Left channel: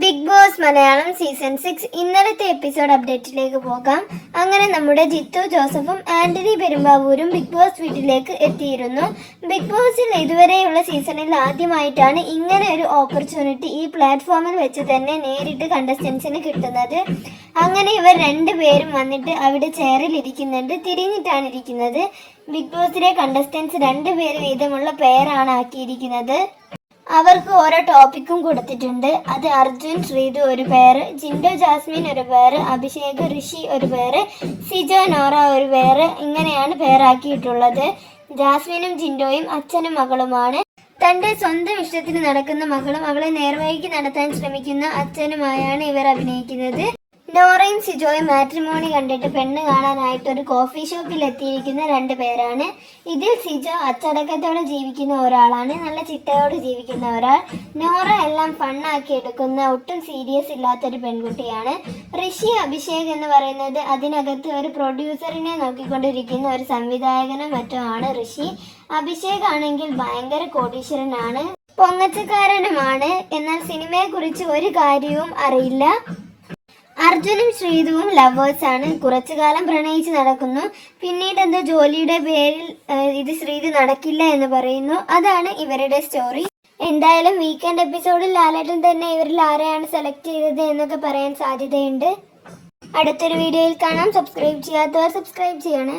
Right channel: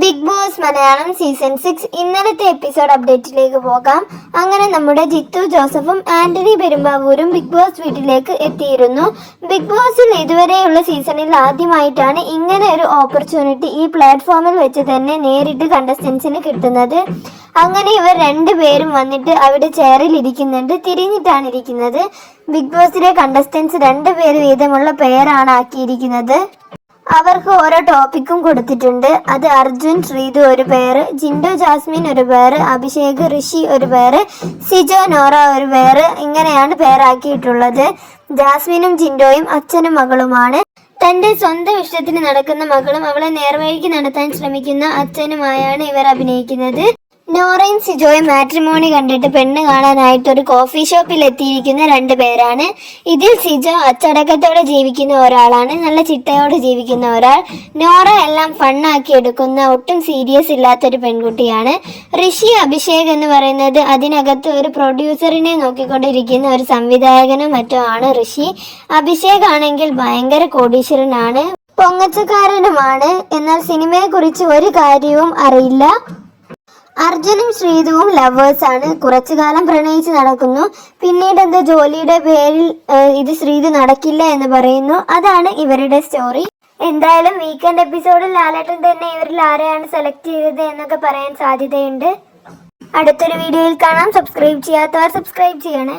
Bigg Boss Malayalam season six ഇന്നലത്തെ episode അപ്ഡേറ്റിലേക്ക് പോകാം. അങ്ങനെ നമ്മുടെ ജിത്തു ജോസഫും ആന്റണി പെരുമ്പാവൂരും ബിഗ് ബോസ് വീട്ടിലേക്ക് എത്തിയിരുന്നു. ബിഗ് ബോസിൽ ഇതുവരെയുള്ള സീസണിൽ ആദ്യമായിട്ടാണ് ഇങ്ങനെ ഒരു ഓപ്പർച്യൂണിറ്റി ഈ പ്ലാറ്റ്ഫോമിൽ വെച്ച് തന്നെ നേരിട്ട് കണ്ടസ്റ്റൻസിന് കിട്ടുന്നത്. അങ്ങനെ ഇവർ രണ്ടുപേരും വന്നിട്ട് അവിടെ ചെയറിൽ ഇരിക്കുന്നുണ്ട്. തിരിഞ്ഞിട്ടാണ് ഇരിക്കുന്നത്. ബിഗ് ബോസിലെ കണ്ടസ്റ്റൻസ് രണ്ടുപേര് വീതമുള്ള പേരാണ് ആക്കിയിരിക്കുന്നത്. അവർക്ക് ഓരോ ടോപ്പിക്കും കൊടുത്തിട്ടുണ്ട്. അത് അർജുൻ ശ്രീതു ഒരു പേര് ജിൻഡോ ജാസ്മിൻ ഒരു പേര് അഭിഷേക് ഋഷി ഒരു പേര് സിജോ നോറ ഒരു പേര് ഇങ്ങനെയാണ് പേരാക്കിയിട്ടുള്ളത്. ജാസ്മിനും ജിൻഡോയും അച്ഛനും മകളുമാണ്. തന്റെ സ്വന്തം ഇഷ്ടത്തിന് നടക്കുന്ന മകളും അവളെ നേർവഴിക്ക് നടത്താൻ ശ്രമിക്കുന്ന അച്ഛനുമായാണ് ഇവർ അഭിനയിക്കുന്നത്. നോറയും സിജോയും മാട്രിമോണി കണ്ടിട്ട് പെണ്ണ് കാണാനായിട്ട് ഒരു കോഫി ഷോപ്പിൽ എത്തിയിരിക്കുന്ന രണ്ട് പേരാണ്. ഇതിൽ സിജോ അച്ചടക്കത്തോടെ ജീവിക്കുന്ന ഒരാളാണ്. നല്ല ചിട്ടയോടെ ജീവിക്കുന്ന ഒരാൾ. നോറ എല്ലാം ഫണ്ണാക്കി എടുക്കുന്ന ഒട്ടും സീരിയസ് ഇല്ലാത്തൊരു പെൺകുട്ടിയാണ്. ഋഷി അഭിഷേക് എന്ന് പറയുന്നത് അതിനകത്ത് ഒരു പ്രൊഡ്യൂസറിനെ നോക്കിക്കൊണ്ടിരിക്കുന്ന ഒരു സംവിധായകനും മറ്റോ ആണ് ഋഷി. അഭിഷേക് ആണെങ്കിൽ ഭയങ്കര കോടീശ്വരനാണ്. പൊങ്ങച്ചക്കാരനുമാണ്. എന്നാൽ സിനിമയെക്കുറിച്ച് ഒരു കാര്യവും അറിയില്ല. അർജുനും ശ്രീതുവും ആണ്. കുറച്ചു കാലം പ്രണയിച്ച് നടക്കുന്നു. പിന്നീട് എന്താ ജോലിയുടെ പേരിൽ ഇത് ശ്രീതു നടക്കില്ല എന്ന് പറയുന്നു. അതാണ് ഇവരുടെ സ്റ്റോറി എന്തായാലും വീക്കെൻഡ് എപ്പിസോഡിൽ ലാലേട്ടൻ തന്നെ ഇവരിൽ ആരെയാണ് സെലക്ട് ചെയ്തത് എന്നൊക്കെ പറയാൻ സാധ്യതയുണ്ട്. അടുത്തൊരു വീഡിയോയിൽ കാണാം. സബ്സ്ക്രൈബ് ചെയ്യാത്തവർ സബ്സ്ക്രൈബ് ചെയ്യണേ.